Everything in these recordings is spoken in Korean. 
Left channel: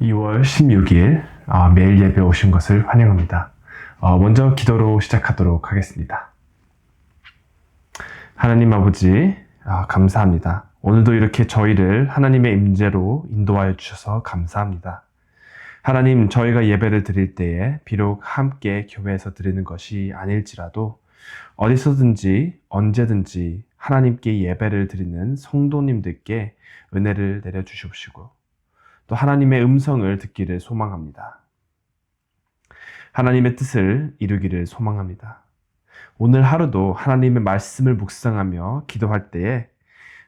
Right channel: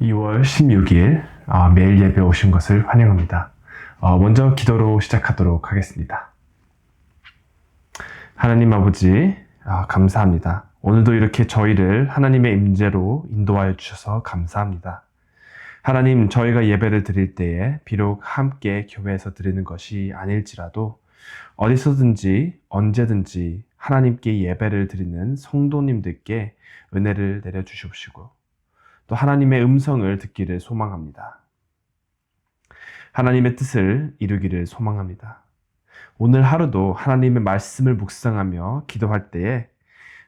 (2월 16일) 매일 예배 오신 것을 환영합니다. 먼저 기도로 시작하도록 하겠습니다. 하나님 아버지, 감사합니다. 오늘도 이렇게 저희를 하나님의 임재로 인도하여 주셔서 감사합니다. 하나님, 저희가 예배를 드릴 때에 비록 함께 교회에서 드리는 것이 아닐지라도 어디서든지 언제든지 하나님께 예배를 드리는 성도님들께 은혜를 내려주시옵시고 또 하나님의 음성을 듣기를 소망합니다. 하나님의 뜻을 이루기를 소망합니다. 오늘 하루도 하나님의 말씀을 묵상하며 기도할 때에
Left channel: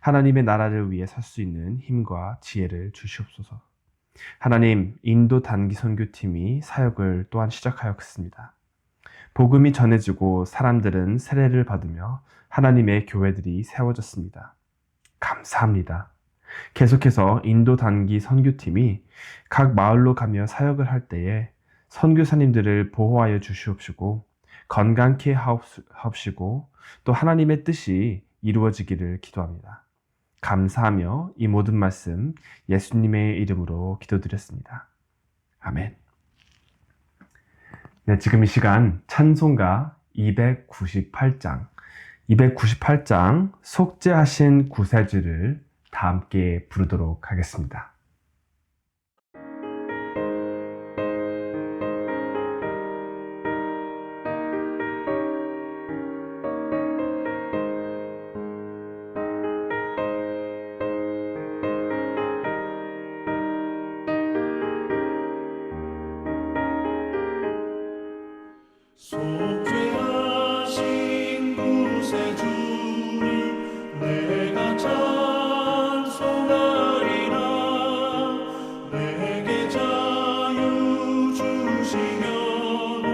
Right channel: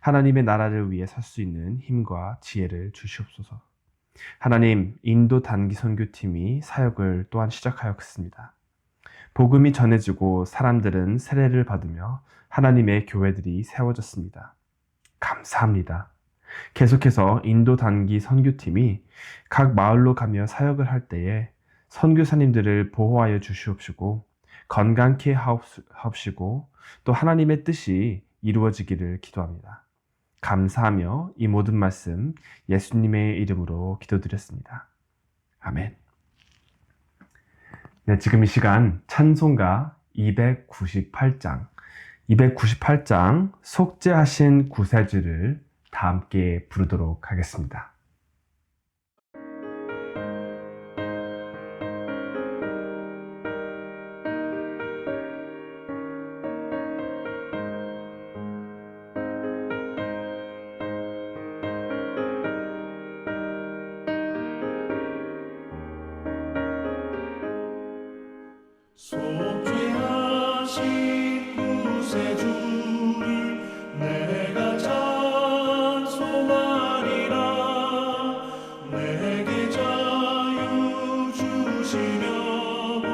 하나님의 나라를 위해 설 수 있는 힘과 지혜를 주시옵소서. 하나님, 인도 단기 선교팀이 사역을 또한 시작하였습니다. 복음이 전해지고 사람들은 세례를 받으며 하나님의 교회들이 세워졌습니다. 감사합니다. 계속해서 인도 단기 선교팀이 각 마을로 가며 사역을 할 때에 선교사님들을 보호하여 주시옵시고 건강케 하옵시고 또 하나님의 뜻이 이루어지기를 기도합니다. 감사하며 이 모든 말씀 예수님의 이름으로 기도드렸습니다. 아멘. 네, 지금 이 시간 찬송가 298장 속죄하신 구세주를 다 함께 부르도록 하겠습니다. 속죄하신 구세주를 내가 찬송하리라. 내게 자유 주시려고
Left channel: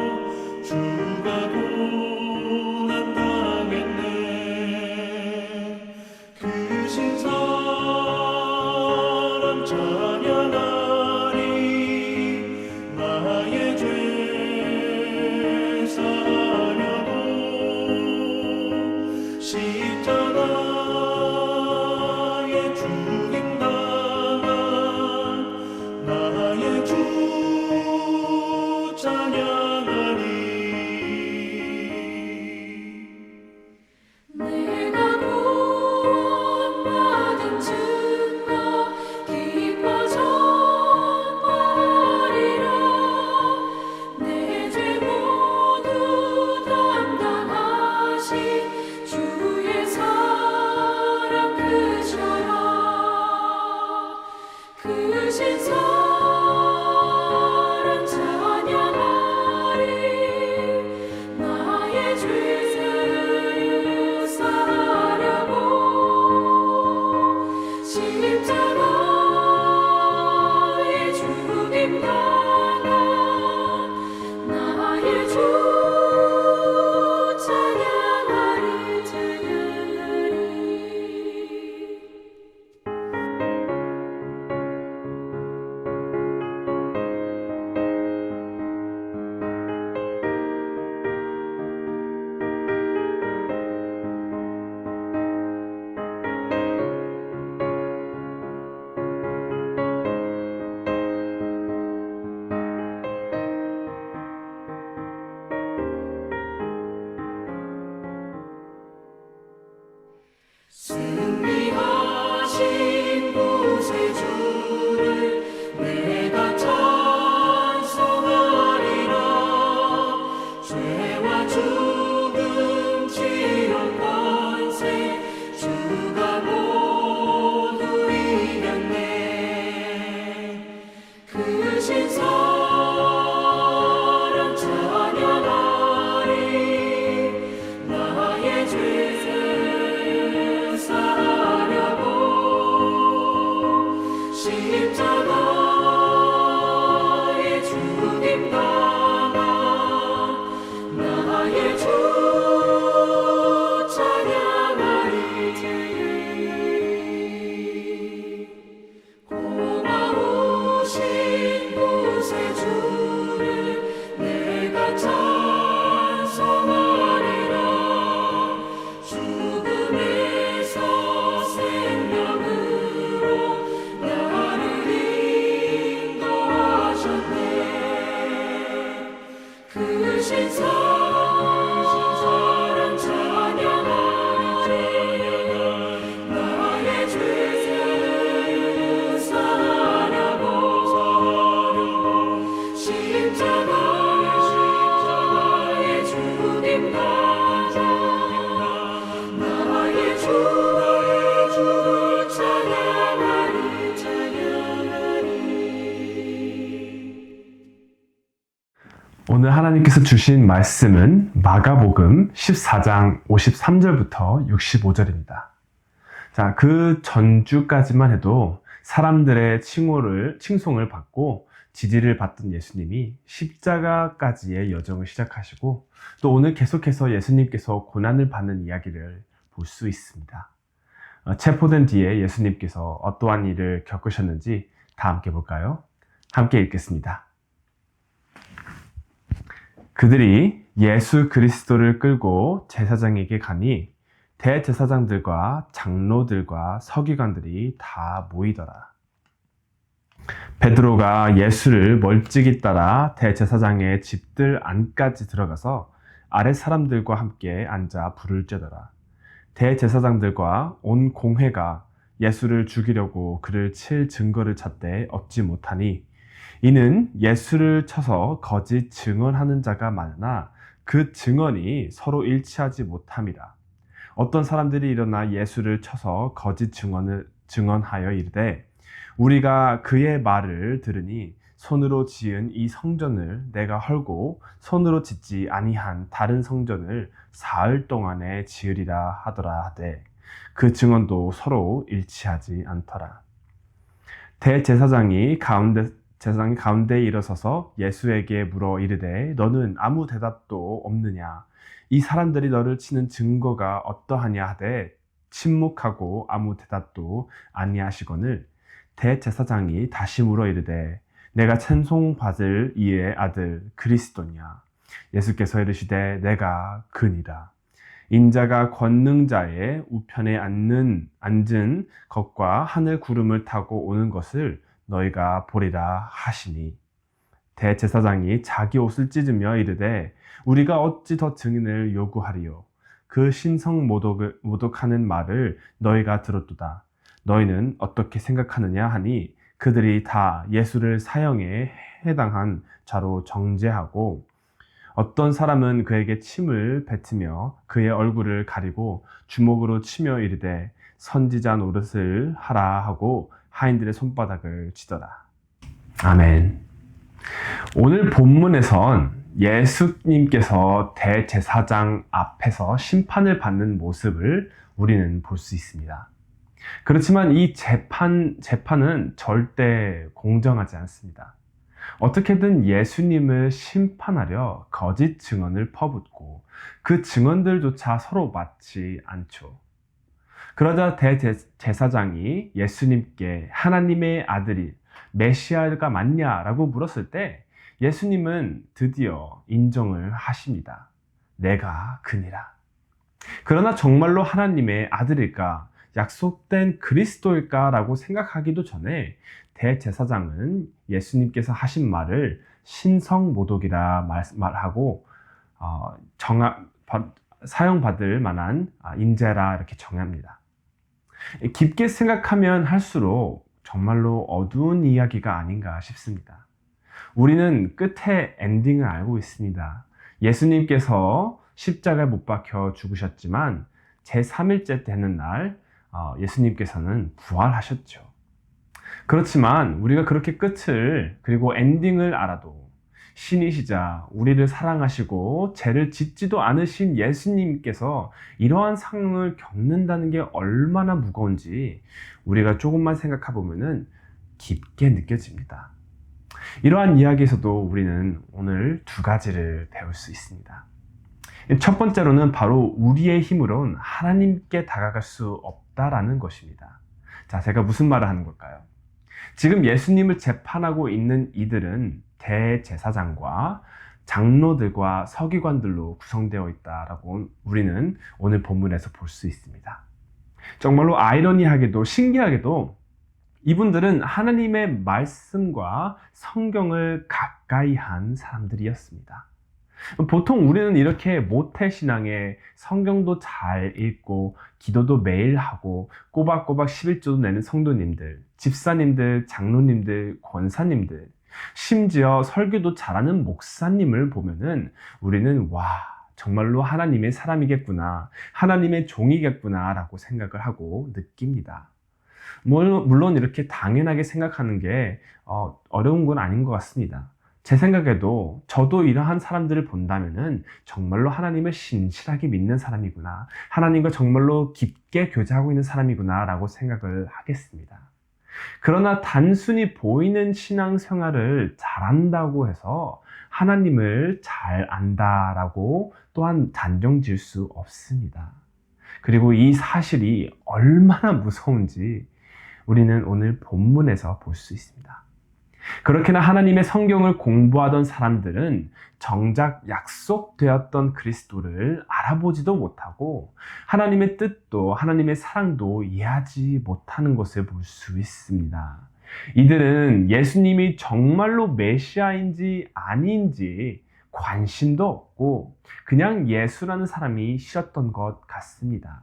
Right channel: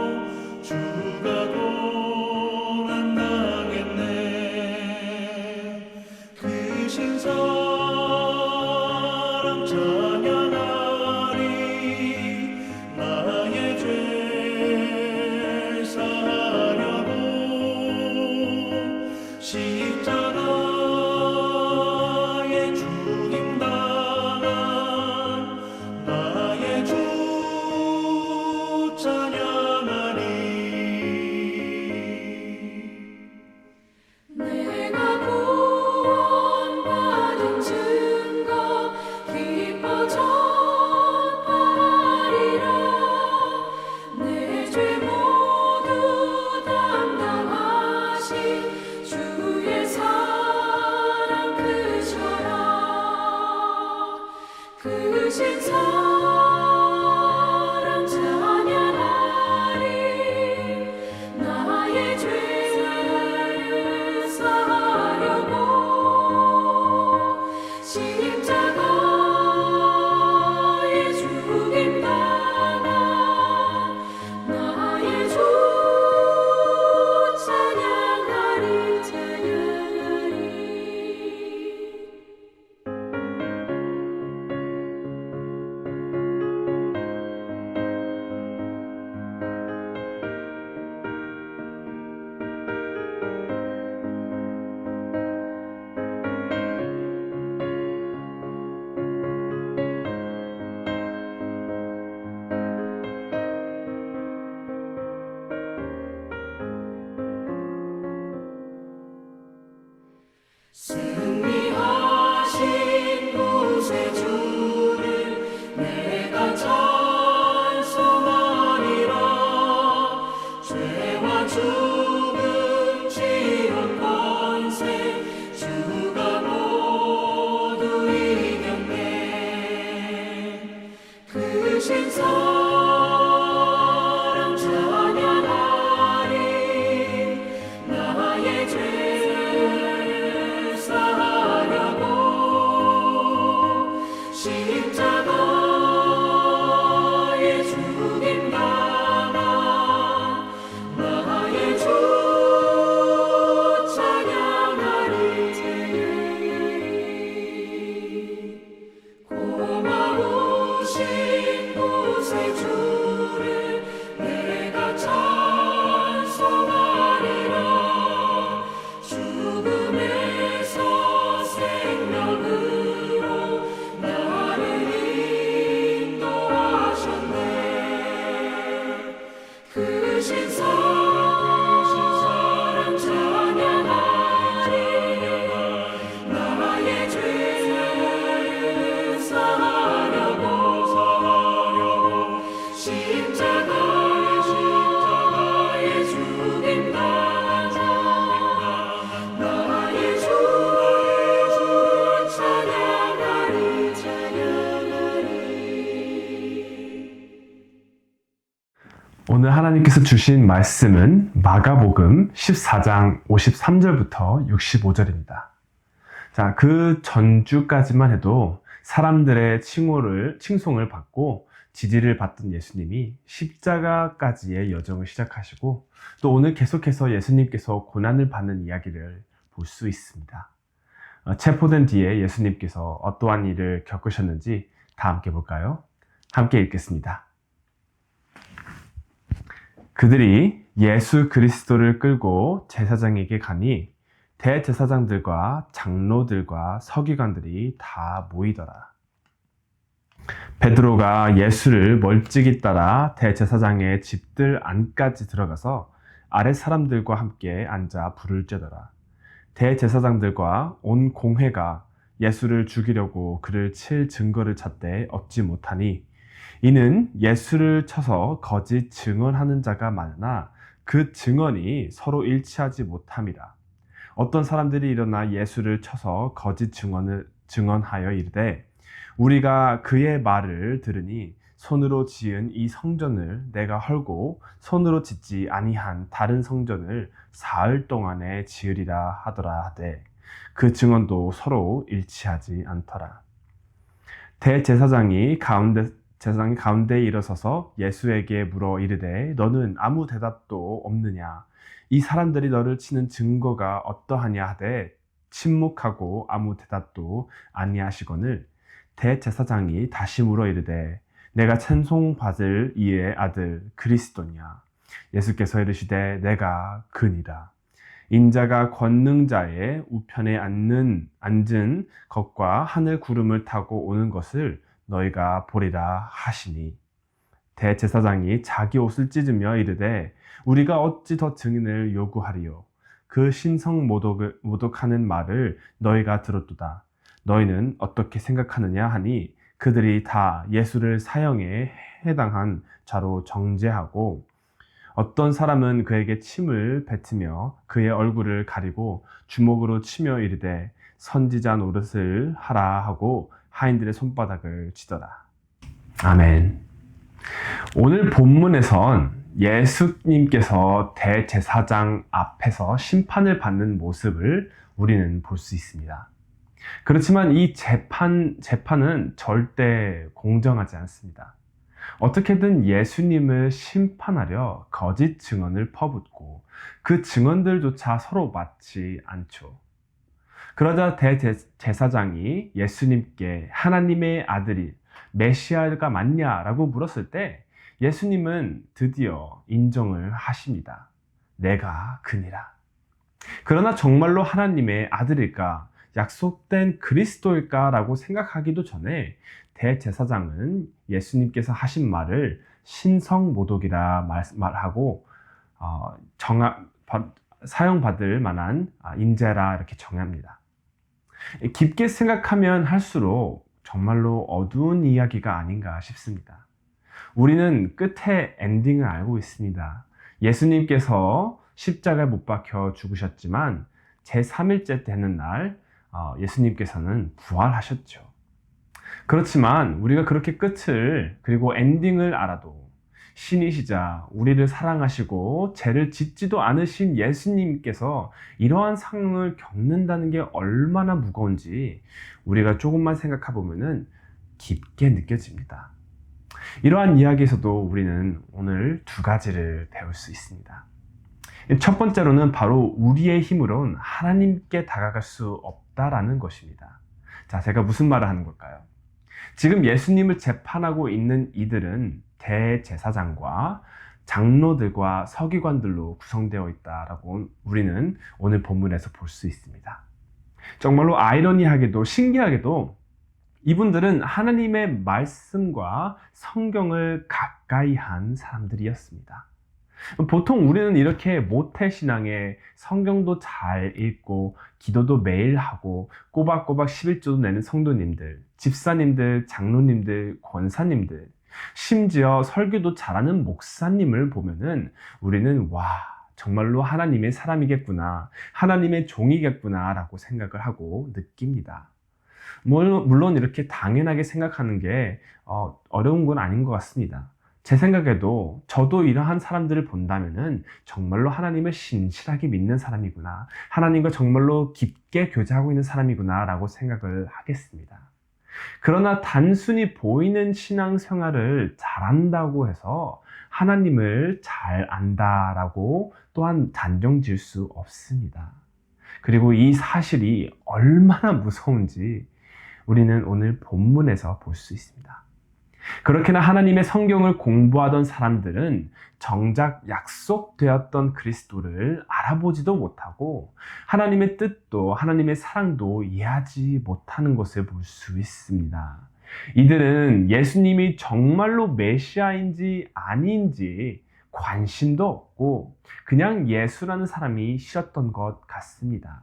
주가 고난당했네. 그 신사랑 찬양하리. 나의 죄 사하려고 십자가에 죽임당한 나의 주 찬양하리. 내가 구원받은 증거 기뻐 전파하리라. 내 죄 모두 담당하신 주의 사랑 크셔라. 크신 사랑 찬양하리. 나의 죄 사하려고 십자가에 죽임당한 나의 주 찬양하리. 찬양하리. 오늘 하나님께서 주신 말씀은 마가복음 14장 53절부터 65절입니다. 자, 그 전주까지만 해도 사람들의 칭송을 받고 지지를 받던 예수님이 십자가까지의 여정을 시작하시고 또 오늘 계속해서 예수님께서 고난을 받는 이야기를 볼 수 있습니다. 체포된 뒤에 예수님께서 어떠한 일을 겪으셨는지 다 함께 볼까요? 함께 읽겠습니다. 그들이 예수 그리스도를 끌고 제사장에게 가니 대제사장들과 장로들과 서기관들이 다 모이더라. 베드로가 예수를 멀찍이 따라 대제사장의 집들 안까지 들어가서 아랫 사람들과 함께 앉아 불을 쬐더라. 대제사장들과 온 공회가 예수를 죽이려고 그를 칠 증거를 찾되 얻지 못하니 이는 예수를 쳐서 거짓 증언하는 자가 많으나 그 증언이 서로 일치하지 못함이라. 어떤 사람들이 일어나 예수를 쳐서 거짓 증언하여 이르되 우리가 그의 말을 들으니 손으로 지은 이 성전을 내가 헐고 손으로 짓지 아니한 다른 성전을 사흘 동안에 지으리라 하더라 하되 그 증언도 서로 일치하지 않더라. 대제사장이 가운데에 일어서서 예수에게 물어 이르되 너는 아무 대답도 없느냐? 이 사람들이 너를 치는 증거가 어떠하냐 하되 침묵하고 아무 대답도 아니하시거늘 대제사장이 다시 물어 이르되 내가 찬송받을 이의 아들 그리스도냐? 예수께서 이르시되 내가 그니라. 인자가 권능자의 우편에 앉은 것과 하늘 구름을 타고 오는 것을 너희가 보리라 하시니 대제사장이 자기 옷을 찢으며 이르되 우리가 어찌 더 증인을 요구하리요? 그 신성 모독하는 말을 너희가 들었도다. 너희는 어떻게 생각하느냐 하니 그들이 다 예수를 사형에 해당한 자로 정죄하고 어떤 사람은 그에게 침을 뱉으며 그의 얼굴을 가리고 주먹으로 치며 이르되 선지자 노릇을 하라 하고 하인들의 손바닥을 치더라. 아멘. 오늘 본문에선 예수님께서 대제사장 앞에서 심판을 받는 모습을 우리는 볼 수 있습니다. 그렇지만 이 재판은 절대 공정하지 않습니다. 어떻게든 예수님을 심판하려 거짓 증언을 퍼붓고 그 증언들조차 서로 맞지 않죠. 그러자 대제사장이 예수님께 하나님의 아들이 메시아가 맞냐라고 물었을 때 예수님은 드디어 인정을 하십니다. 내가 그니라. 그러나 정말로 하나님의 아들일까? 약속된 그리스도일까라고 생각하기도 전에 대제사장은 예수님께서 하신 말을 신성모독이라 말하고 사형받을 만한 인재라 이렇게 정합니다. 깊게 생각하면 할수록 정말로 어두운 이야기가 아닌가 싶습니다. 우리는 끝에 엔딩을 알고 있습니다. 예수님께서 십자가에 못 박혀 죽으셨지만 제3일째 되는 날 예수님께서는 부활하셨죠. 그렇지만 우리가 그렇게 끝을 그리고 엔딩을 알아도 신이시자 우리를 사랑하시고 죄를 짓지도 않으신 예수님께서 이러한 상황을 겪는다는 게 얼마나 무거운지 우리가 조금만 생각해 보면은 깊게 느껴집니다. 이러한 이야기에서도 우리는 오늘 두 가지를 배울 수 있습니다. 첫 번째로는 바로 우리의 힘으로는 하나님께 다가갈 수 없다라는 것입니다. 자, 제가 무슨 말을 하는 걸까요? 지금 예수님을 재판하고 있는 이들은 대제사장과 장로들과 서기관들로 구성되어 있다라고 우리는 오늘 본문에서 볼 수 있습니다. 정말로 아이러니하게도 신기하게도 이분들은 하나님의 말씀과 성경을 가까이 한 사람들이었습니다. 보통 우리는 이렇게 모태신앙에 성경도 잘 읽고 기도도 매일 하고 꼬박꼬박 11조도 내는 성도님들, 집사님들, 장로님들, 권사님들, 심지어 설교도 잘하는 목사님을 보면은 우리는 와, 정말로 하나님의 사람이겠구나, 하나님의 종이겠구나 라고 생각을 하고 느낍니다. 물론 이렇게 당연하게 생각하는 게 어려운 건 아닌 것 같습니다. 제 생각에도 저도 이러한 사람들을 본다면은 정말로 하나님을 신실하게 믿는 사람이구나. 하나님과 정말로 깊게 교제하고 있는 사람이구나 라고 생각을 하겠습니다. 그러나 단순히 보이는 신앙생활을 잘한다고 해서 하나님을 잘 안다라고 또한 단정 지을 수 없습니다. 그리고 이 사실이 얼마나 무서운지 우리는 오늘 본문에서 볼 수 있습니다. 그렇게나 하나님의 성경을 공부하던 사람들은 정작 약속되었던 그리스도를 알아보지도 못하고 하나님의 뜻도 하나님의 사랑도 이해하지 못하는 것을 볼 수 있습니다. 이들은 예수님이 정말로 메시아인지 아닌지 관심도 없고 그냥 예수라는 사람이 싫었던 것 같습니다.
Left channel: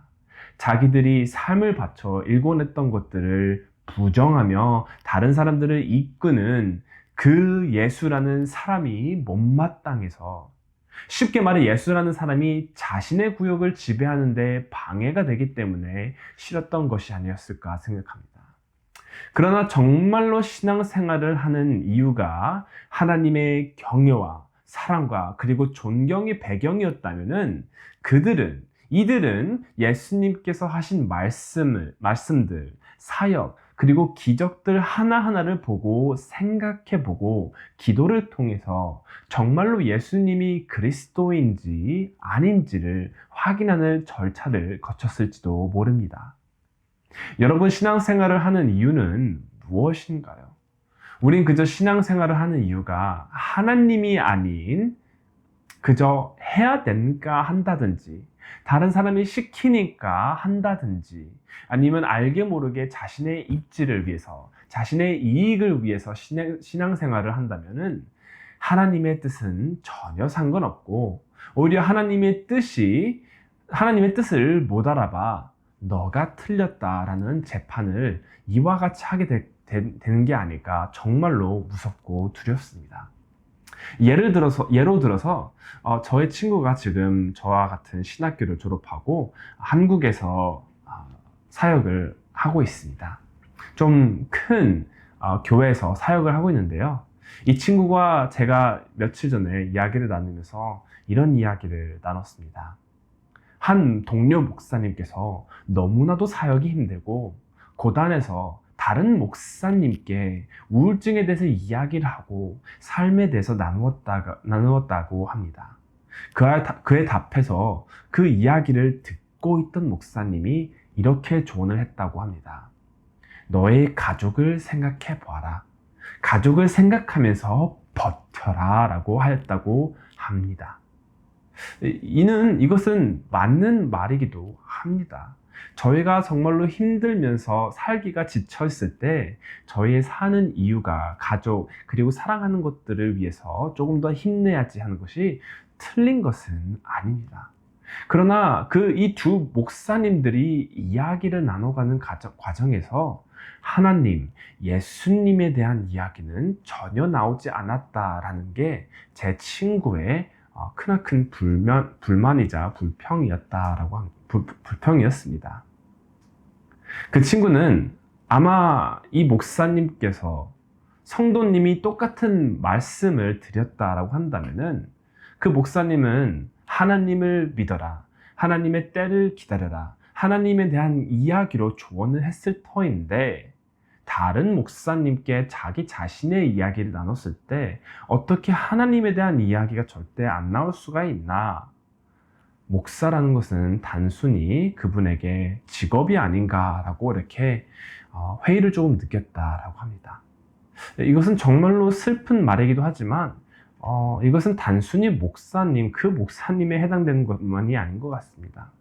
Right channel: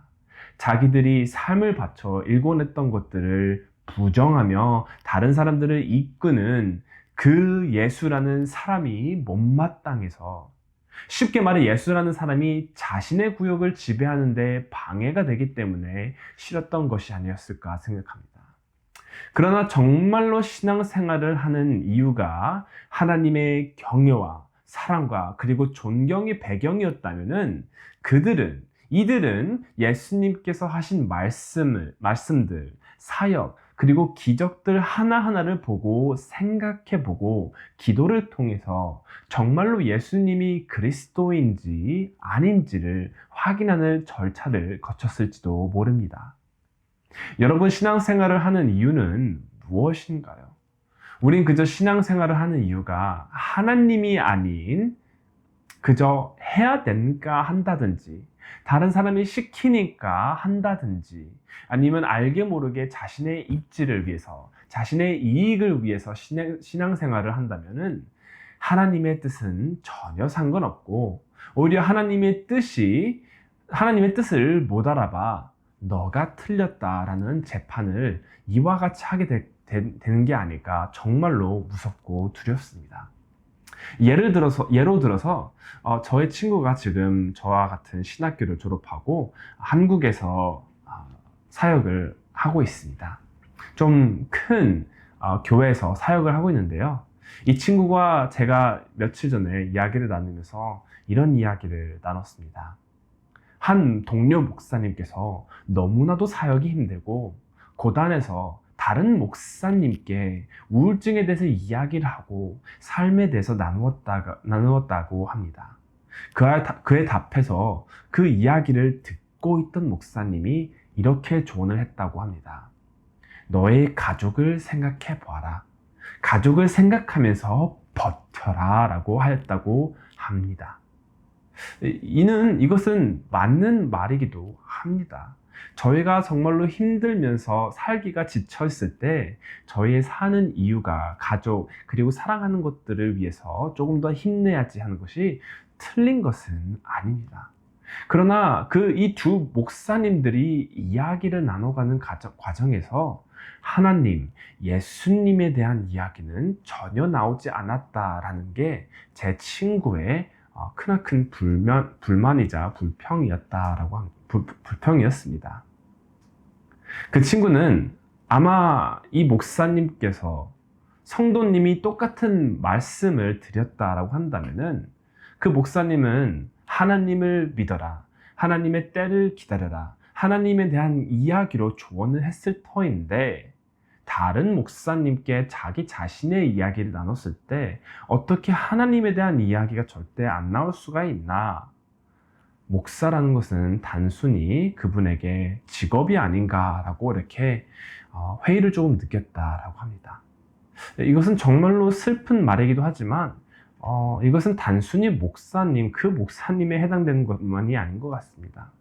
자기들이 삶을 바쳐 일궈냈던 것들을 부정하며 다른 사람들을 이끄는 그 예수라는 사람이 못마땅해서, 쉽게 말해 예수라는 사람이 자신의 구역을 지배하는 데 방해가 되기 때문에 싫었던 것이 아니었을까 생각합니다. 그러나 정말로 신앙생활을 하는 이유가 하나님의 경외와 사랑과 그리고 존경의 배경이었다면은 이들은 예수님께서 하신 말씀들, 사역, 그리고 기적들 하나하나를 보고 생각해보고 기도를 통해서 정말로 예수님이 그리스도인지 아닌지를 확인하는 절차를 거쳤을지도 모릅니다. 여러분, 신앙생활을 하는 이유는 무엇인가요? 우린 그저 신앙생활을 하는 이유가 하나님이 아닌 그저 해야 되니까 한다든지 다른 사람이 시키니까 한다든지 아니면 알게 모르게 자신의 입지를 위해서 자신의 이익을 위해서 신앙생활을 한다면은 하나님의 뜻은 전혀 상관없고 오히려 하나님의 뜻을 못 알아봐 너가 틀렸다라는 재판을 이와 같이 하게 되는 게 아닐까 정말로 무섭고 두렵습니다. 예로 들어서 저의 친구가 지금 저와 같은 신학교를 졸업하고 한국에서 사역을 하고 있습니다. 좀 큰 교회에서 사역을 하고 있는데요. 이 친구가 제가 며칠 전에 이야기를 나누면서 이런 이야기를 나눴습니다. 한 동료 목사님께서 너무나도 사역이 힘들고 고단해서 다른 목사님께 우울증에 대해서 이야기를 하고 삶에 대해서 나누었다고 합니다. 그에 답해서 그 이야기를 듣고 있던 목사님이 이렇게 조언을 했다고 합니다. 너의 가족을 생각해 보아라. 가족을 생각하면서 버텨라 라고 하였다고 합니다. 이것은 맞는 말이기도 합니다. 저희가 정말로 힘들면서 살기가 지쳐있을 때 저희의 사는 이유가 가족 그리고 사랑하는 것들을 위해서 조금 더 힘내야지 하는 것이 틀린 것은 아닙니다. 그러나 이 두 목사님들이 이야기를 나눠가는 과정에서 하나님, 예수님에 대한 이야기는 전혀 나오지 않았다라는 게 제 친구의 크나큰 불만이자 불평이었습니다. 그 친구는 아마 이 목사님께서 성도님이 똑같은 말씀을 드렸다라고 한다면은 그 목사님은 하나님을 믿어라, 하나님의 때를 기다려라, 하나님에 대한 이야기로 조언을 했을 터인데 다른 목사님께 자기 자신의 이야기를 나눴을 때 어떻게 하나님에 대한 이야기가 절대 안 나올 수가 있나? 목사라는 것은 단순히 그분에게 직업이 아닌가라고 이렇게 회의를 조금 느꼈다라고 합니다. 이것은 정말로 슬픈 말이기도 하지만 이것은 단순히 그 목사님에 해당되는 것만이 아닌 것 같습니다.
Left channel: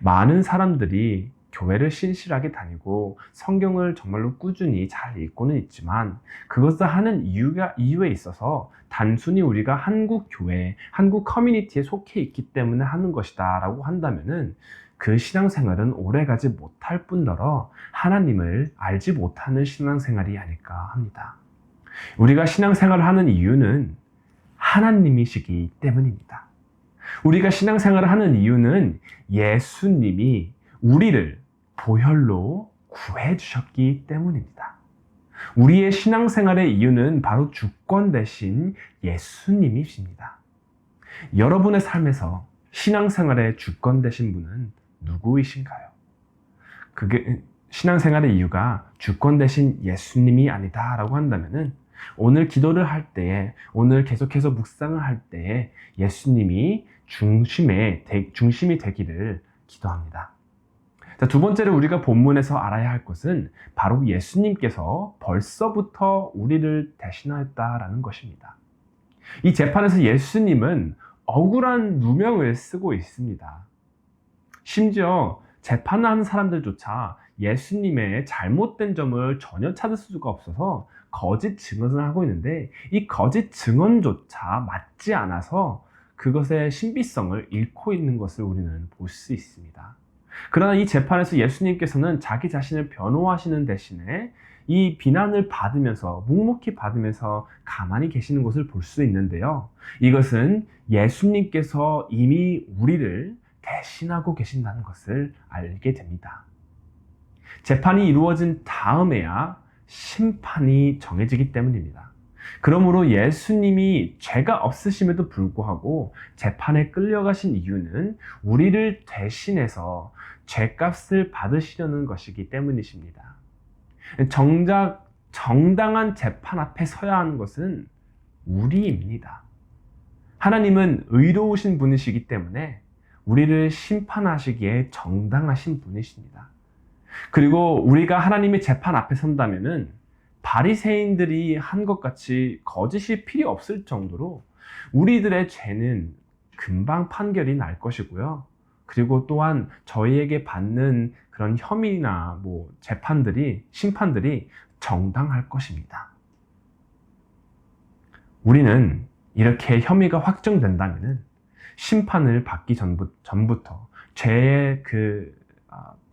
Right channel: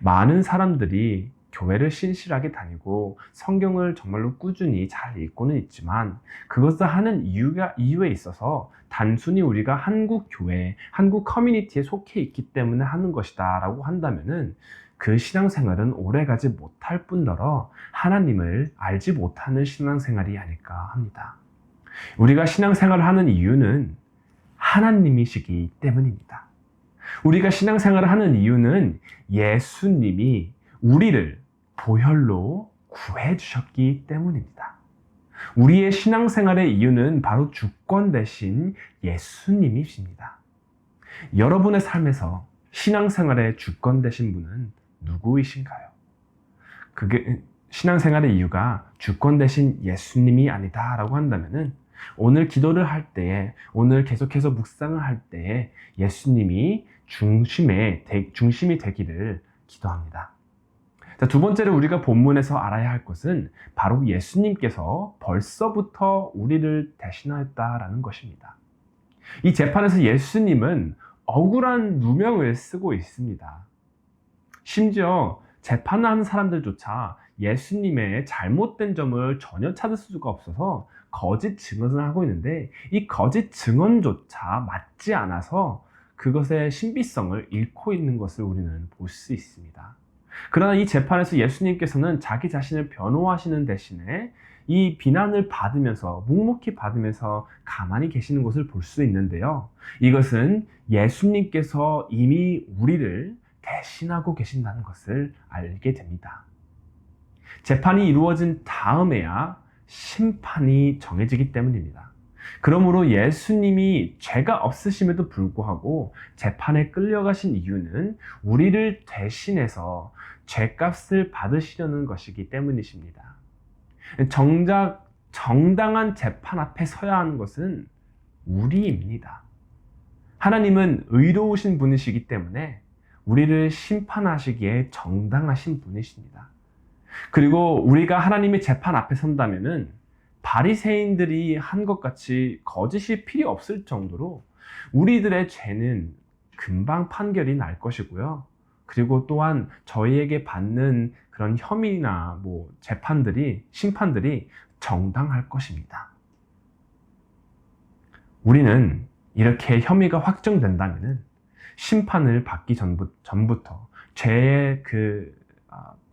많은 사람들이 교회를 신실하게 다니고 성경을 정말로 꾸준히 잘 읽고는 있지만 그것을 하는 이유에 있어서 단순히 우리가 한국 교회, 한국 커뮤니티에 속해 있기 때문에 하는 것이다 라고 한다면은 그 신앙생활은 오래가지 못할 뿐더러 하나님을 알지 못하는 신앙생활이 아닐까 합니다. 우리가 신앙생활을 하는 이유는 하나님이시기 때문입니다. 우리가 신앙생활을 하는 이유는 예수님이 우리를 보혈로 구해 주셨기 때문입니다. 우리의 신앙생활의 이유는 바로 주권 대신 예수님이십니다. 여러분의 삶에서 신앙생활의 주권 되신 분은 누구이신가요? 그게 신앙생활의 이유가 주권 대신 예수님이 아니다라고 한다면은 오늘 기도를 할 때에, 오늘 계속해서 묵상을 할 때에 예수님이 중심이 되기를 기도합니다. 자, 두 번째로 우리가 본문에서 알아야 할 것은 바로 예수님께서 벌써부터 우리를 대신하였다라는 것입니다. 이 재판에서 예수님은 억울한 누명을 쓰고 있습니다. 심지어 재판하는 사람들조차 예수님의 잘못된 점을 전혀 찾을 수가 없어서 거짓 증언을 하고 있는데, 이 거짓 증언조차 맞지 않아서 그것의 신비성을 잃고 있는 것을 우리는 볼 수 있습니다. 그러나 이 재판에서 예수님께서는 자기 자신을 변호하시는 대신에 이 비난을 받으면서, 묵묵히 받으면서 가만히 계시는 것을 볼 수 있는데요. 이것은 예수님께서 이미 우리를 대신하고 계신다는 것을 알게 됩니다. 재판이 이루어진 다음에야 심판이 정해지기 때문입니다. 그러므로 예수님이 죄가 없으심에도 불구하고 재판에 끌려가신 이유는 우리를 대신해서 죄값을 받으시려는 것이기 때문이십니다. 정작 정당한 재판 앞에 서야 하는 것은 우리입니다. 하나님은 의로우신 분이시기 때문에 우리를 심판하시기에 정당하신 분이십니다. 그리고 우리가 하나님의 재판 앞에 선다면은 바리새인들이 한 것 같이 거짓이 필요 없을 정도로 우리들의 죄는 금방 판결이 날 것이고요. 그리고 또한 저희에게 받는 그런 혐의나 심판들이 정당할 것입니다. 우리는 이렇게 혐의가 확정된다면은 심판을 받기 전부터 죄의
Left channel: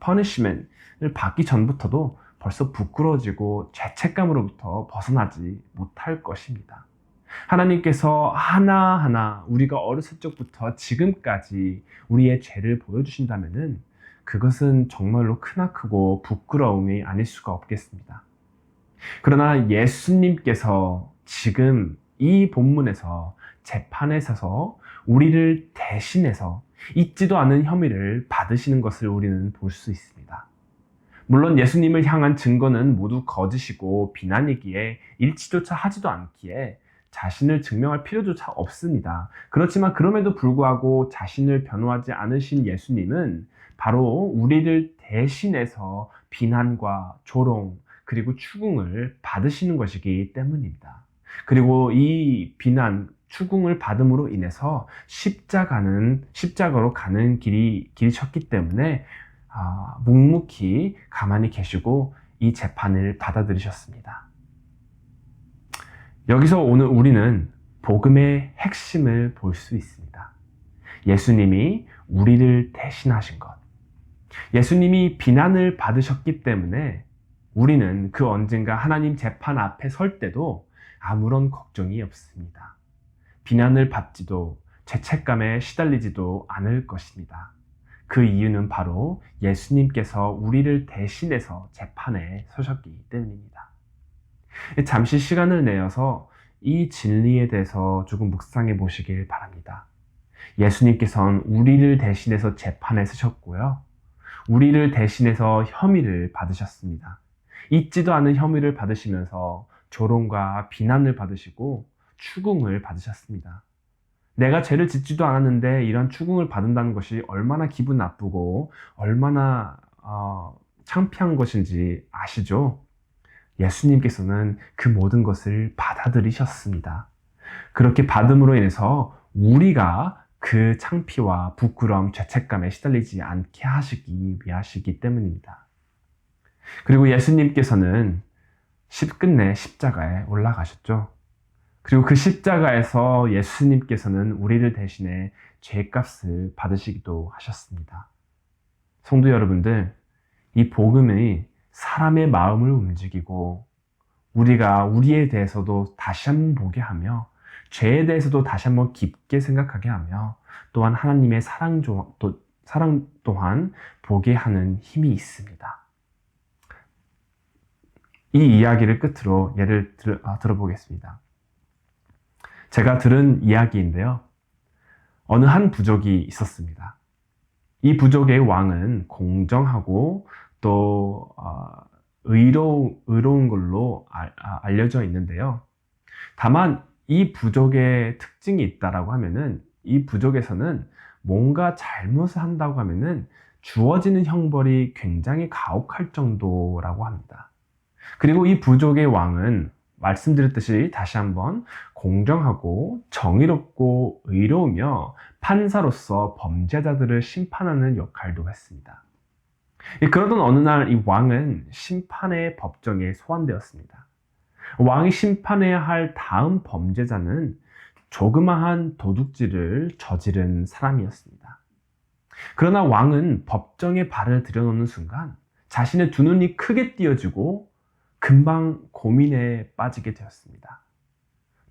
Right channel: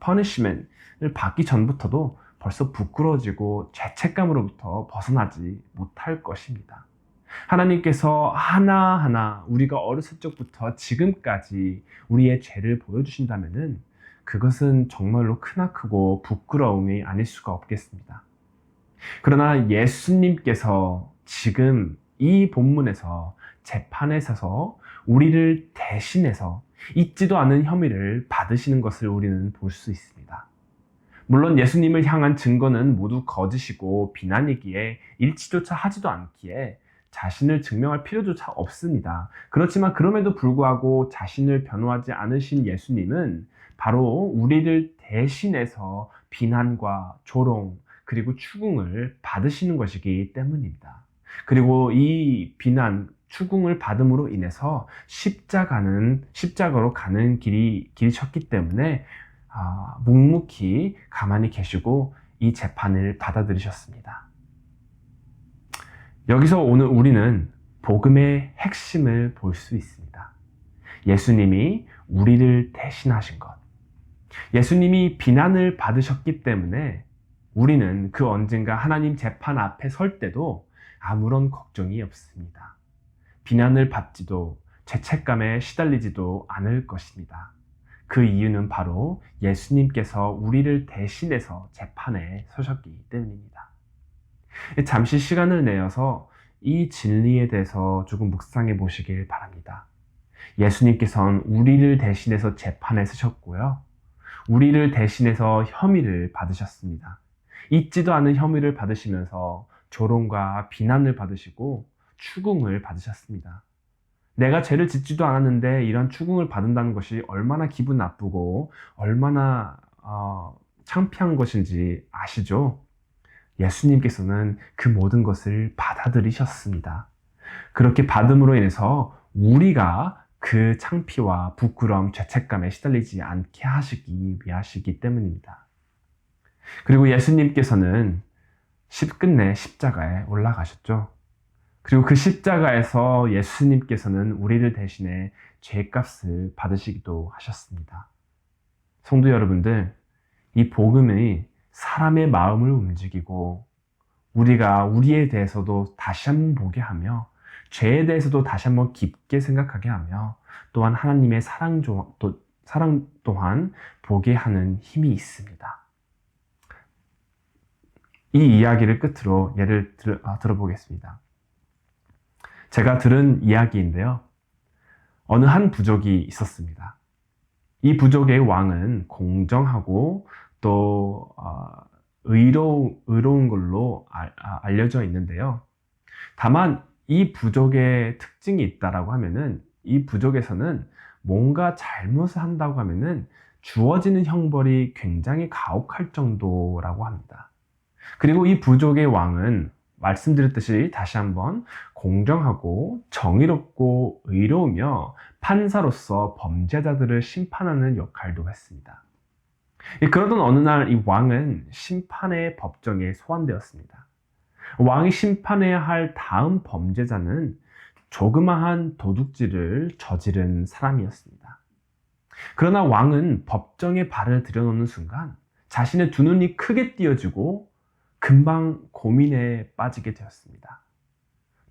punishment을 받기 전부터도 벌써 부끄러워지고 죄책감으로부터 벗어나지 못할 것입니다. 하나님께서 하나하나 우리가 어렸을 적부터 지금까지 우리의 죄를 보여주신다면은 그것은 정말로 크나크고 부끄러움이 아닐 수가 없겠습니다. 그러나 예수님께서 지금 이 본문에서 재판에 서서 우리를 대신해서 있지도 않은 혐의를 받으시는 것을 우리는 볼 수 있습니다. 물론 예수님을 향한 증거는 모두 거짓이고 비난이기에 일치조차 하지도 않기에 자신을 증명할 필요조차 없습니다. 그렇지만 그럼에도 불구하고 자신을 변호하지 않으신 예수님은 바로 우리를 대신해서 비난과 조롱 그리고 추궁을 받으시는 것이기 때문입니다. 그리고 이 비난, 추궁을 받음으로 인해서 십자가로 가는 길이셨기 때문에 묵묵히 가만히 계시고 이 재판을 받아들이셨습니다. 여기서 오늘 우리는 복음의 핵심을 볼 수 있습니다. 예수님이 우리를 대신하신 것. 예수님이 비난을 받으셨기 때문에 우리는 그 언젠가 하나님 재판 앞에 설 때도 아무런 걱정이 없습니다. 비난을 받지도 죄책감에 시달리지도 않을 것입니다. 그 이유는 바로 예수님께서 우리를 대신해서 재판에 서셨기 때문입니다. 잠시 시간을 내어서 이 진리에 대해서 조금 묵상해 보시길 바랍니다. 예수님께서는 우리를 대신해서 재판에 서셨고요. 우리를 대신해서 혐의를 받으셨습니다. 있지도 않은 혐의를 받으시면서 조롱과 비난을 받으시고 추궁을 받으셨습니다. 내가 죄를 짓지도 않았는데 이런 추궁을 받는다는 것이 얼마나 기분 나쁘고 얼마나 창피한 것인지 아시죠? 예수님께서는 그 모든 것을 받아들이셨습니다. 그렇게 받음으로 인해서 우리가 그 창피와 부끄러움, 죄책감에 시달리지 않게 하시기 위하시기 때문입니다. 그리고 예수님께서는 끝내 십자가에 올라가셨죠. 그리고 그 십자가에서 예수님께서는 우리를 대신해 죄값을 받으시기도 하셨습니다. 성도 여러분들, 이 복음이 사람의 마음을 움직이고 우리가 우리에 대해서도 다시 한번 보게 하며 죄에 대해서도 다시 한번 깊게 생각하게 하며 또한 하나님의 사랑 또한 보게 하는 힘이 있습니다. 이 이야기를 끝으로 예를 들어보겠습니다. 제가 들은 이야기인데요. 어느 한 부족이 있었습니다. 이 부족의 왕은 공정하고 또 의로운 걸로 알려져 있는데요. 다만 이 부족의 특징이 있다라고 하면은 이 부족에서는 뭔가 잘못을 한다고 하면은 주어지는 형벌이 굉장히 가혹할 정도라고 합니다. 그리고 이 부족의 왕은 말씀드렸듯이 다시 한번 공정하고 정의롭고 의로우며 판사로서 범죄자들을 심판하는 역할도 했습니다. 그러던 어느 날 이 왕은 심판의 법정에 소환되었습니다. 왕이 심판해야 할 다음 범죄자는 조그마한 도둑질을 저지른 사람이었습니다. 그러나 왕은 법정에 발을 들여놓는 순간 자신의 두 눈이 크게 띄어지고 금방 고민에 빠지게 되었습니다.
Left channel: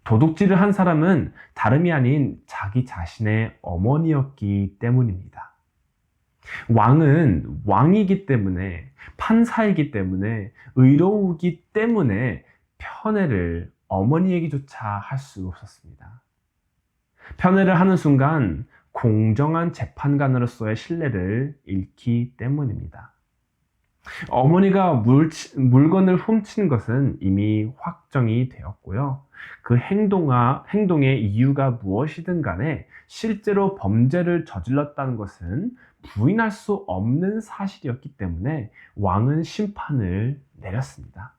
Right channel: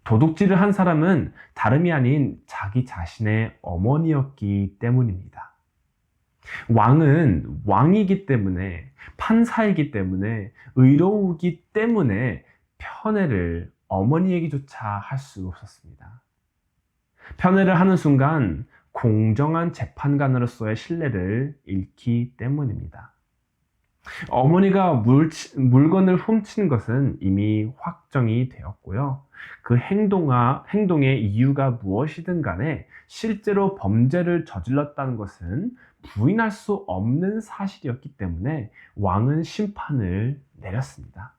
도둑질을 한 사람은 다름이 아닌 자기 자신의 어머니였기 때문입니다. 왕은 왕이기 때문에, 판사이기 때문에, 의로우기 때문에 편애를 어머니에게조차 할 수 없었습니다. 편애를 하는 순간 공정한 재판관으로서의 신뢰를 잃기 때문입니다. 어머니가 물건을 훔친 것은 이미 확정이 되었고요. 그 행동의 이유가 무엇이든 간에 실제로 범죄를 저질렀다는 것은 부인할 수 없는 사실이었기 때문에 왕은 심판을 내렸습니다.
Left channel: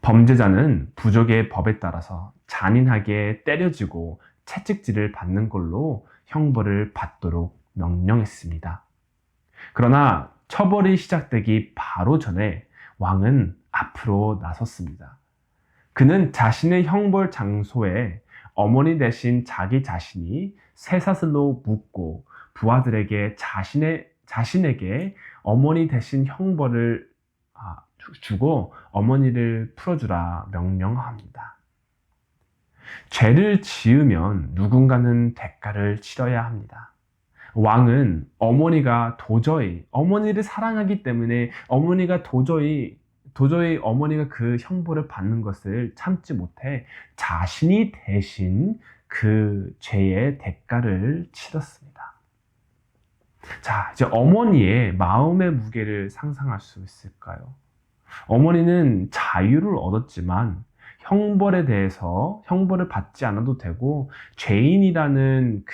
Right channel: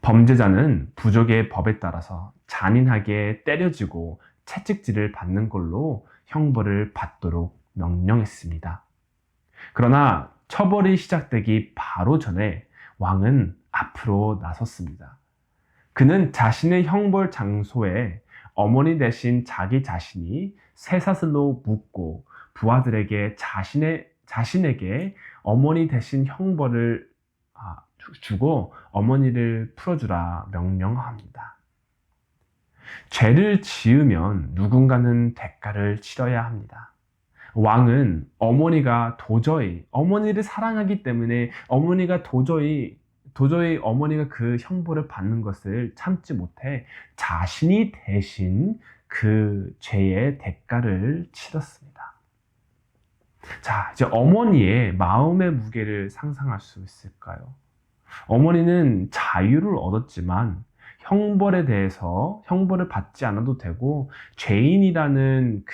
범죄자는 부족의 법에 따라서 잔인하게 때려지고 채찍질을 받는 걸로 형벌을 받도록 명령했습니다. 그러나 처벌이 시작되기 바로 전에 왕은 앞으로 나섰습니다. 그는 자신의 형벌 장소에 어머니 대신 자기 자신이 쇠사슬로 묶고 부하들에게 자신에게 어머니 대신 형벌을 주고 어머니를 풀어주라 명령합니다. 죄를 지으면 누군가는 대가를 치러야 합니다. 왕은 어머니를 사랑하기 때문에 어머니가 도저히 어머니가 그 형벌을 받는 것을 참지 못해 자신이 대신 그 죄의 대가를 치렀습니다. 자, 이제 어머니의 마음의 무게를 상상할 수 있을까요? 어머니는 자유를 얻었지만 형벌을 받지 않아도 되고 죄인이라는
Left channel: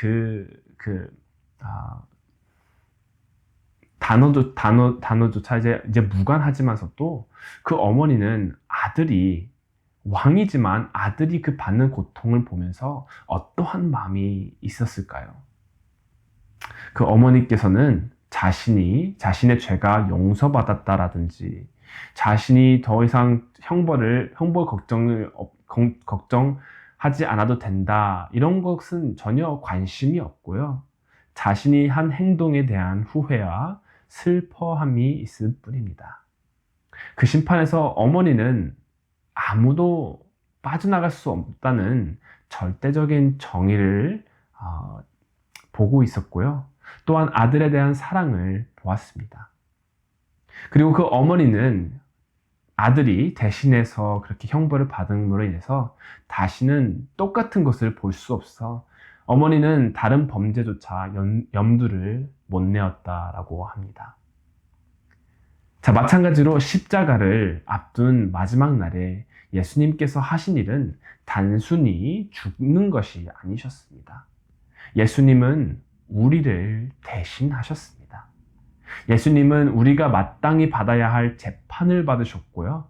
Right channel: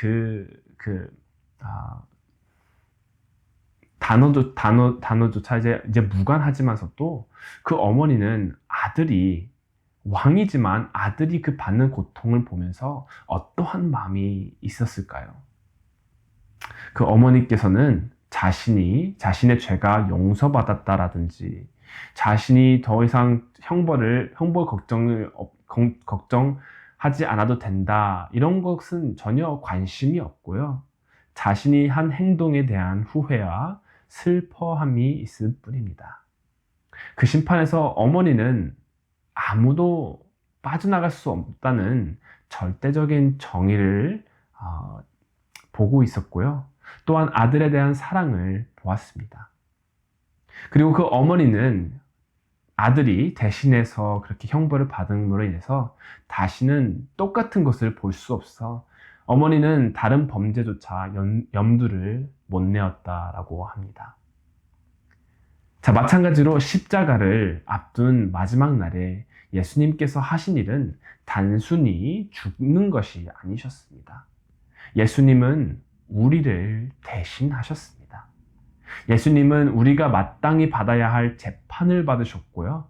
단어조차 이제 무관하지만서도 그 어머니는 왕이지만 아들이 그 받는 고통을 보면서 어떠한 마음이 있었을까요? 그 어머니께서는 자신의 죄가 용서받았다라든지 자신이 더 이상 형벌 걱정하지 않아도 된다, 이런 것은 전혀 관심이 없고요. 자신이 한 행동에 대한 후회와 슬퍼함이 있을 뿐입니다. 그 심판에서 어머니는 아무도 빠져나갈 수 없다는 절대적인 정의를 보고 있었고요. 또한 아들에 대한 사랑을 보았습니다. 그리고 그 어머니는 아들이 대신해서 그렇게 형벌을 받음으로 인해서 다시는 똑같은 것을 볼 수 없어 어머니는 다른 범죄조차 염두를 못 내었다라고 합니다. 자, 마찬가지로 십자가를 앞둔 마지막 날에 예수님께서 하신 일은 단순히 죽는 것이 아니셨습니다. 예수님은 우리를 대신하셨습니다. 예수님은 우리가 마땅히 받아야 할 재판을 받으셨고요.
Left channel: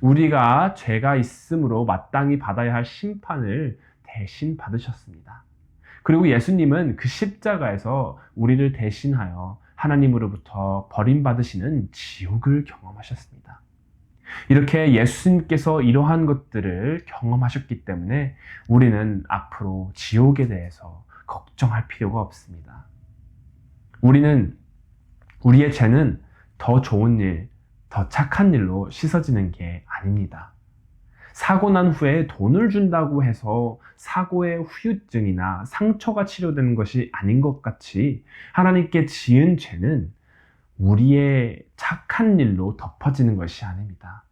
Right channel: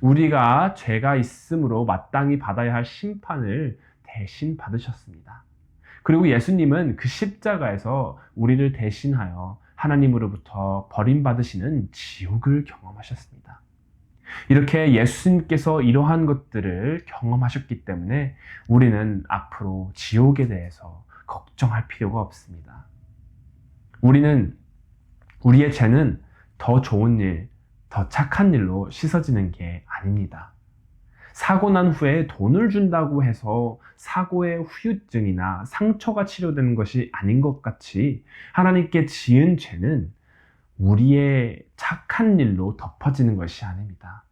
우리가 죄가 있으므로 마땅히 받아야 할 심판을 대신 받으셨습니다. 그리고 예수님은 그 십자가에서 우리를 대신하여 하나님으로부터 버림받으시는 지옥을 경험하셨습니다. 이렇게 예수님께서 이러한 것들을 경험하셨기 때문에 우리는 앞으로 지옥에 대해서 걱정할 필요가 없습니다. 우리의 죄는 더 좋은 일, 더 착한 일로 씻어지는 게 아닙니다. 사고 난 후에 돈을 준다고 해서 사고의 후유증이나 상처가 치료되는 것이 아닌 것 같이 하나님께 지은 죄는 우리의 착한 일로 덮어지는 것이 아닙니다.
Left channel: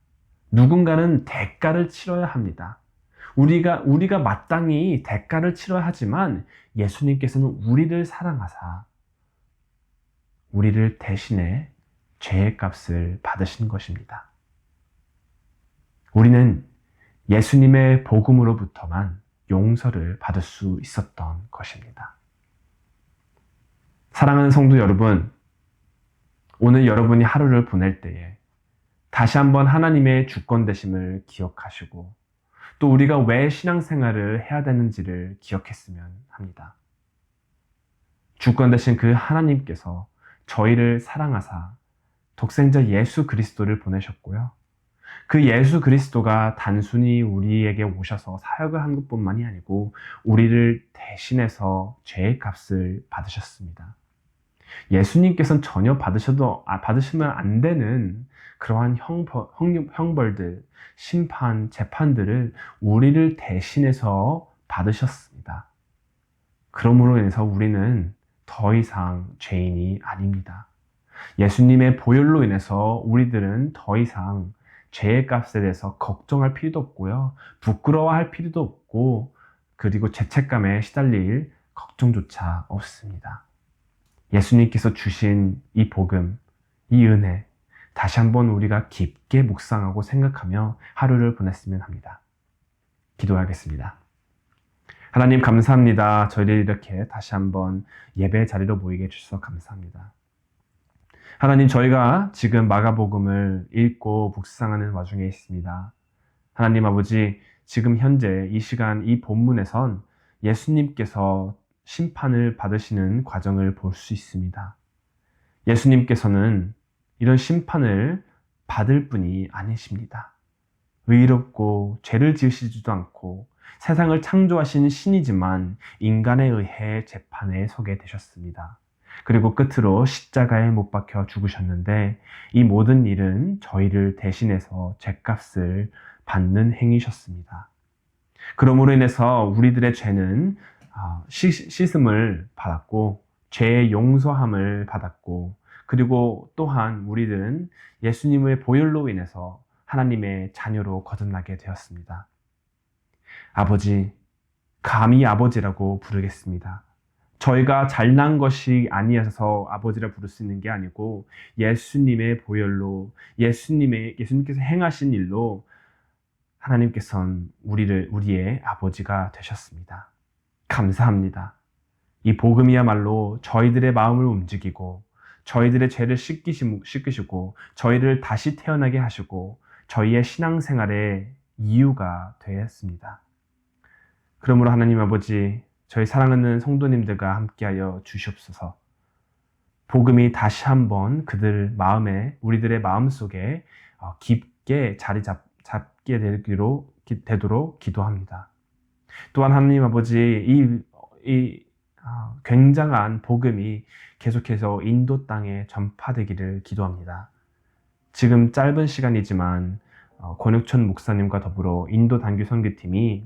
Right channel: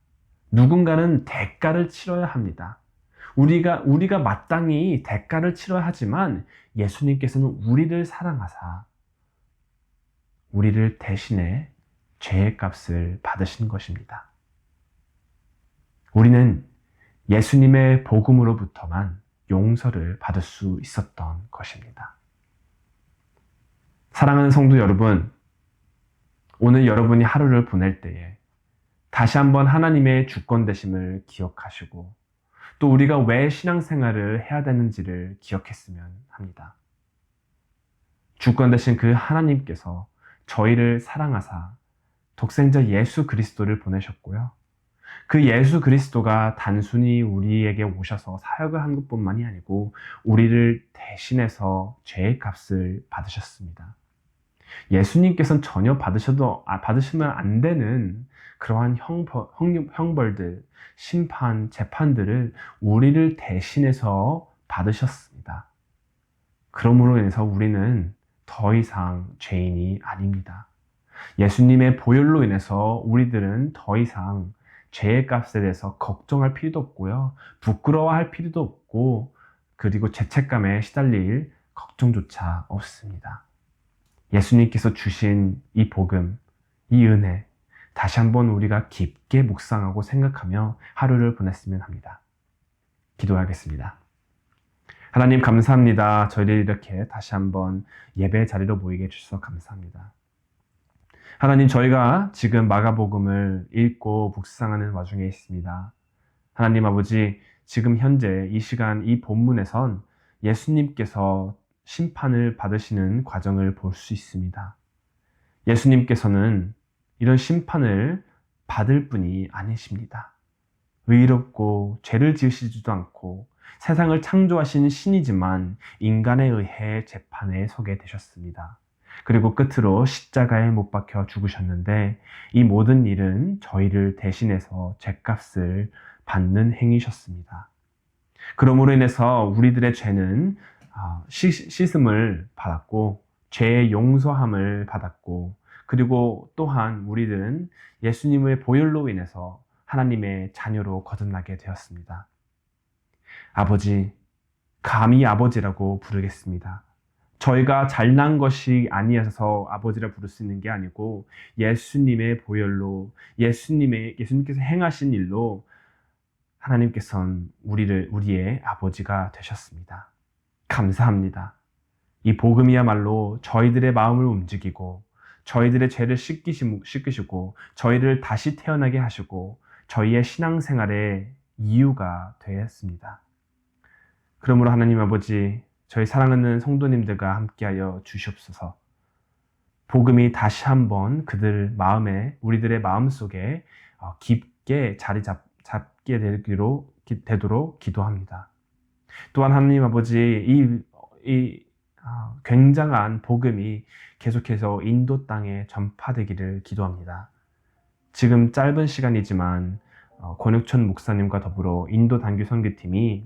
누군가는 대가를 치러야 합니다. 우리가 마땅히 대가를 치러야 하지만 예수님께서는 우리를 사랑하사 우리를 대신해 죄의 값을 받으신 것입니다. 우리는 예수님의 복음으로부터만 용서를 받을 수 있었던 것입니다. 사랑하는 성도 여러분, 오늘 여러분이 하루를 보낼 때에 다시 한번 하나님의 주권 되심을 기억하시고 또 우리가 왜 신앙생활을 해야 되는지를 기억했으면 합니다. 주권 되신 그 하나님께서 저희를 사랑하사 독생자 예수 그리스도를 보내셨고요. 그 예수 그리스도가 단순히 우리에게 오셔서 사역을 한 것뿐만이 아니고 우리를 대신해서 죄의 값을 받으셨습니다. 예수님께서는 전혀 받으시면 안 되는 그러한 형벌들, 심판, 재판들을 우리를 대신해서 받으셨습니다. 그러므로 인해서 우리는 더 이상 죄인이 아닙니다. 예수님의 보혈로 인해서 우리들은 더 이상 죄의 값에 대해서 걱정할 필요도 없고요. 부끄러워할 필요도 없고 그리고 죄책감에 시달릴 걱정조차 없습니다. 예수님께서 주신 이 복음, 이 은혜 다시 한번 우리가 깊게 묵상하고 생각하며 하루를 보냈으면 합니다. 기도하겠습니다. 하나님 감사합니다. 저희를 이렇게 다시 한번 예배 자리로 모이게 해주셔서 감사합니다. 하나님 저희가 지금 마가복음을 읽고 묵상하는 와중에 있습니다. 하나님 아버지 지금 현재 이 시간 이 본문에선 예수님께서 심판을 받으시는 과정을 볼 수 있습니다. 예수님께서는 이런 심판을 받을 분이 아니십니다. 의롭고 죄를 지으시지도 않고 세상을 창조하신 신이지만 인간에 의해 재판에 서게 되셨습니다. 그리고 끝으로 십자가에 못 박혀 죽으셨는데 이 모든 일은 저희를 대신해서 죄값을 받는 행위셨습니다. 그러므로 인해서 우리들의 죄는 씻음을 받았고 죄의 용서함을 받았고 그리고 또한 우리들은 예수님의 보혈로 인해서 하나님의 자녀로 거듭나게 되었습니다. 아버지, 감히 아버지라고 부르겠습니다. 저희가 잘난 것이 아니어서 아버지라 부를 수 있는 게 아니고 예수님의 보혈로 예수님께서 행하신 일로 하나님께서는 우리의 아버지가 되셨습니다. 감사합니다. 이 복음이야말로 저희들의 마음을 움직이고 저희들의 죄를 씻기시고 저희를 다시 태어나게 하시고 저희의 신앙생활의 이유가 되었습니다. 그러므로 하나님 아버지 저희 사랑하는 성도님들과 함께하여 주시옵소서. 복음이 다시 한번 우리들의 마음속에 깊게 자리 잡게 되도록 기도합니다. 또한 하나님 아버지 이 굉장한 복음이 계속해서 인도 땅에 전파되기를 기도합니다. 지금 짧은 시간이지만 권육천 목사님과 더불어 인도 단교 선교팀이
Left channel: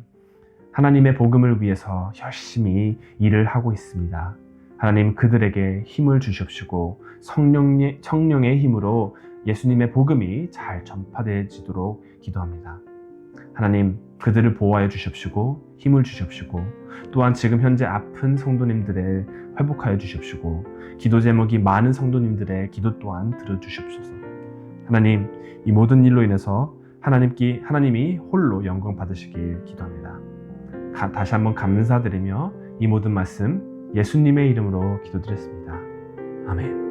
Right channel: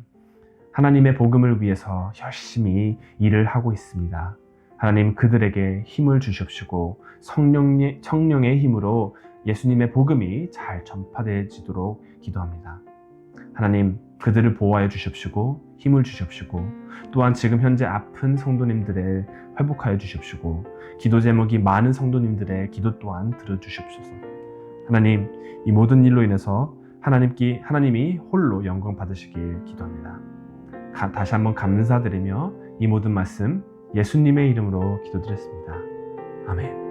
하나님의 복음을 위해서 열심히 일을 하고 있습니다. 하나님 그들에게 힘을 주십시고 성령의 힘으로 예수님의 복음이 잘 전파되지도록 기도합니다. 하나님 그들을 보호하여 주십시고 힘을 주십시고 또한 지금 현재 아픈 성도님들을 회복하여 주십시고 기도 제목이 많은 성도님들의 기도 또한 들어주십소서. 하나님 이 모든 일로 인해서 하나님이 홀로 영광 받으시길 기도합니다. 다시 한번 감사드리며 이 모든 말씀 예수님의 이름으로 기도드렸습니다. 아멘.